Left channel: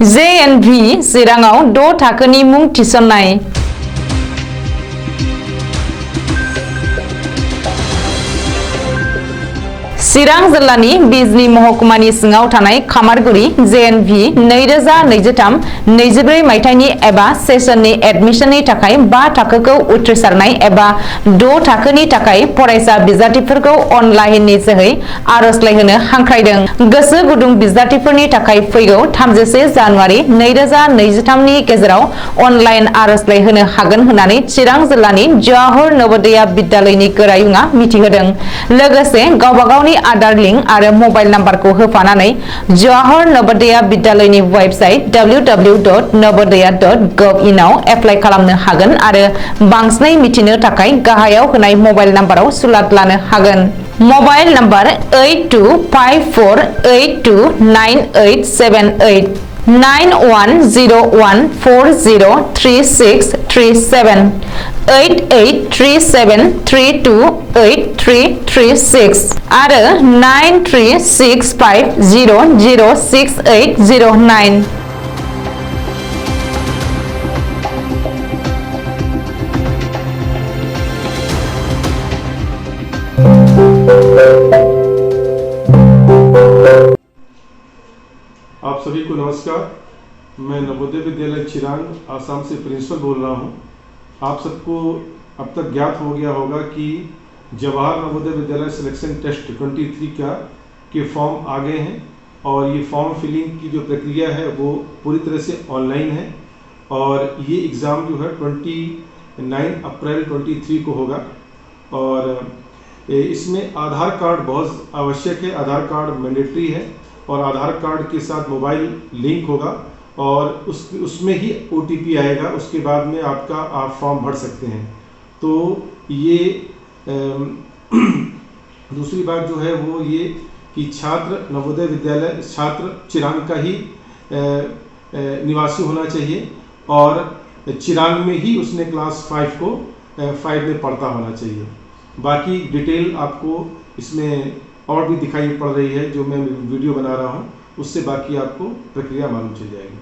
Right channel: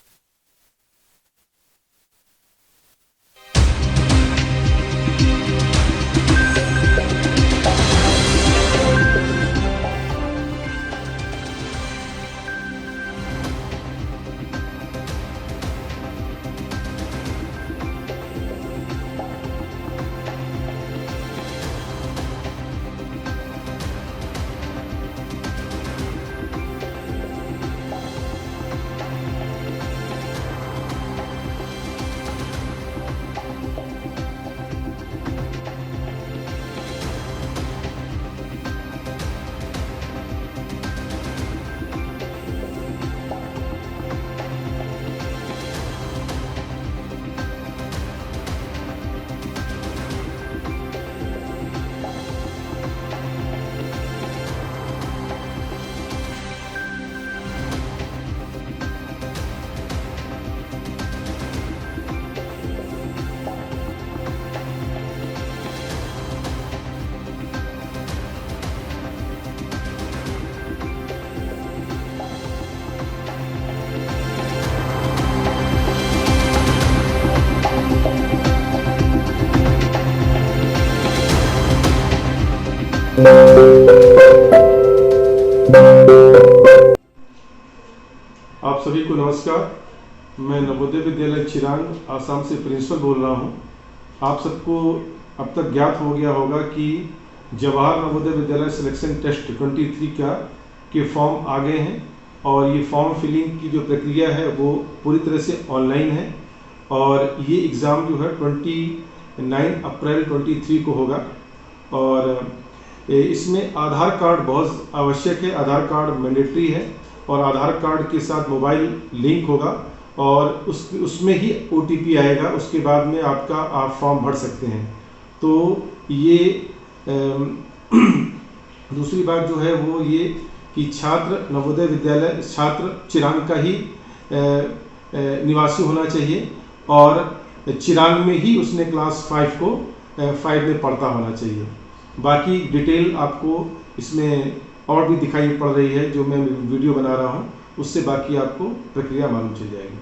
JNV चिराङाव 6 थाखोनि मुं थिसननाय। चिरां जिल्लानि बिजनी महकुमानि सिङाव थानाय खामारगुरि JNV 2023-24 मायथाइनि एबा सेसननि एडमिशननि थाखाय 5 थाखोखौ उथ्रिसारनाय एबा 6 थाखोनि थाखाय फरायसा बिजाथिफोरखौ अनलाइननि जोहै आर'जलाइ होनो हांख्रायदों। गोसो गुदुं बिजाथिफोरनि थाखाय फैगौ 31 जानुवारि 2023 नि गेजेराव अनलाइन आर'जलाइ होनो हागोन होननानै चिरां जिल्लानि जवाहर नवोदया बिद्यालयनि गोरायुङा मिथिहोदों। लोगोसे गावबा गावनि आधार लिंक आरो मबाइल नाम्बारखौ होफानानै जवाहर नवोदया बिद्यालयनि वेबसाइट www.navodaya.gov.in आव एप्लाइ खालामनो हागोन आरो बांसिनै मिथिनो थाखाय गाहायाव होनाय मबाइल नाम्बाराव सुलाद लानो हागोन। मबाइल नाम्बार 8254829878 9101403637 8837328336 आरो 9365006809। आप सभी को नमस्कार। मैं नवोदय विद्यालय चिरांग आसाम से प्रिंसिपल बोल रहा हूं। आप सबको अब तक ज्ञात हो गया होगा कि जवाहर नवोदय विद्यालय सिलेक्शन टेस्ट 23 के फॉर्म आ गए हैं और ये फॉर्म फिलिंग की जो प्रक्रिया है वो पूरी तरह से ऑनलाइन है और ये एग्ज़ाम जो है 29 अप्रैल 23 को होगा। और इसमें आधार कार्ड बहुत आवश्यक है, आधार कार्ड मैंडेटरी है और आधार कार्ड के साथ मोबाइल लिंक होगा और उसमें ही OTP आएगा। उसके बाद में आप फॉर्म भर सकते हैं। तो ये दूसरी बात जो है वो ये कि छात्र नवोदय विद्यालय छात्र चिरांग का ही निवासी होना चाहिए और चिरांग में ही उसने क्लास 5 में पढ़ता होना चाहिए। बाकी डिटेल आपको इसमें और भी दिखाई पड़ रही है, जो मैं वीडियो बना रहा हूँ उससे बाकी आपको प्रक्रिया मालूम चल जाएगी।